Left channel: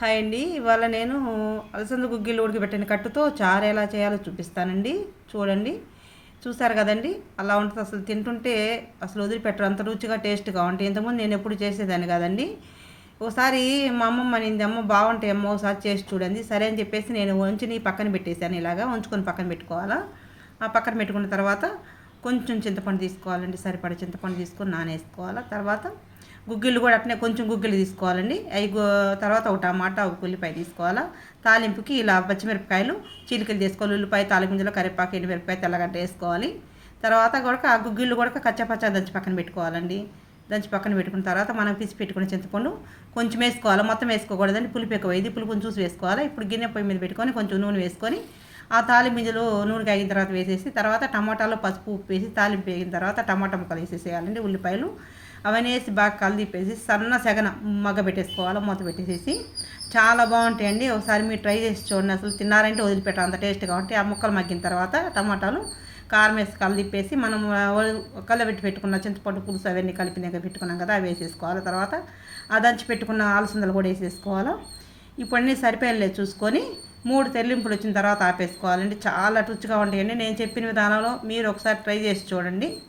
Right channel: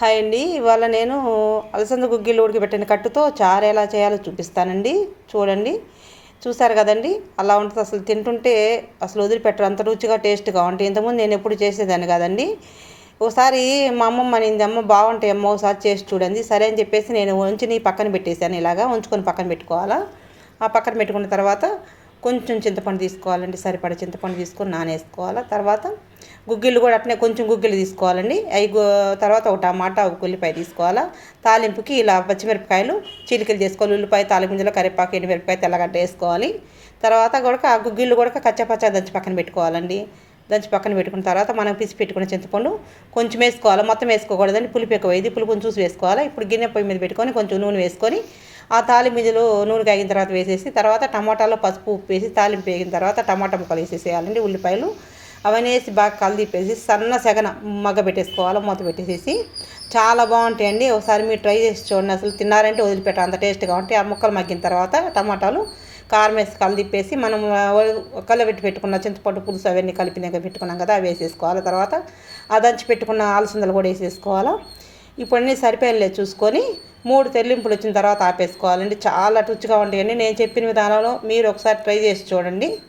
Hi అండి. ఇవాళ నేను అలసంద గుగ్గిళ్ళు ఉడికిపెట్టిన కట్టుతో చారు ఎలా చేయాలో చూపిస్తానండి. చూడండి. చూసారు కదండి? అలా ఉంటుంది. అసలు తింటుంటే అసలు వదిలిపెట్టరు. అంత రుచిగా టేస్ట్గా ఉంటాయి. ఇంతకుముందు నేను ఎప్పుడు చేసేదాన్ని కదండి. ఒకసారి మా అమ్మమ్మ అనింది అమ్మ బాగుంటాయి అమ్మ ఒకసారి చేసి చూడండి. సరే అని చెప్పేసి నేను ఉంచి పక్కన పెట్టేశాను. ఇలాగా ఉంచుకొని పక్కన పెట్టుకోవాలా? ఆ పక్కన పెట్టుకున్న తర్వాత కొంచెం చింతపండు తీసుకోవాలండి సరిపడ చింతపండు తీసుకొని నానేసుకోవాలి. తర్వాత గుగ్గిళ్ళు కూడా అట్నే కొంచెం గుగ్గిళ్ళు తీసుకోవాలండి. అవి తర్వాత ఒక టమాటా ఒక ఉల్లిపాయ తీసుకోవాలా. తాలింపుకి ఇలా పచ్చిమిరపకాయలు చిలికలు చేసుకోవాలి. ఉల్లిపాయ తాలింపులో కరివేపాకు ఎండుమిరపకాయ తెల్లగడ్డ వేసుకోవాలి. తర్వాత కూడా ఆ గుగ్గిళ్ళు కూడా కచ్చపచ్చ దంచి పక్కన పెట్టుకోవాలండి. దంచి పక్కన పెట్టుకున్న తర్వాత మనం పిసి పెట్టుకున్న చింతపండు కొంచెం వేసుకోవాలి. మొత్తం వేసుకోకూడదండి. పులుపు ఎక్కువ ఇది పులుపుని చూసి వేసుకోవాలి. ఇప్పుడు గిన్నె పొయ్యి మీద పెట్టుకొని కొంచెం నూనె వేసుకొని ఆ తాలింపులో నూనె కాగిన తర్వాత వేసేసి తర్వాత టమాటాలో పసుపు ఉప్పు వేసి తాలింపు వేగిన తర్వాత టమాటా ముక్కలు వేసేసేయాలండి ఉల్లిపాయలు. అవన్నీ వేసి బాగా కలిదిప్పేసి సన్న సెగన మగ్గ పెట్టేసుకోవాలి మూత పెట్టేసేసి. చాలా బాగుంటాయండి. ఒకసారి మీరు ట్రై చేసి చూడండి అసలు తిన్నారంటే వదిలిపెట్టాలి అంత టేస్ట్గా ఉంటాయి ఆ ముక్కలు మగ్గిన తర్వాత టమాటాలు కారం వేసి కలిదిప్పేసి మనం పెట్టి పెట్టుకున్న చింతపండు పులుసు అవన్నీ కలిపినాక పెట్టుకున్నాం కదా అవి వేసేసుకోవాలి. తర్వాత ఆ దంచి పెట్టుకున్న ఆలసందలు కూడా వేసేసుకోవాలి. ఇప్పుడు అన్నీ చూసుకొని మూడు తెల్లింపులు వచ్చిన తర్వాత ఆపేసుకోవాలండి. చాలా రుచిగా ఉంటాయండి. నేను చెప్పిన విధానంలో మీరు ఒకసారి ట్రై చేసి చూడండి.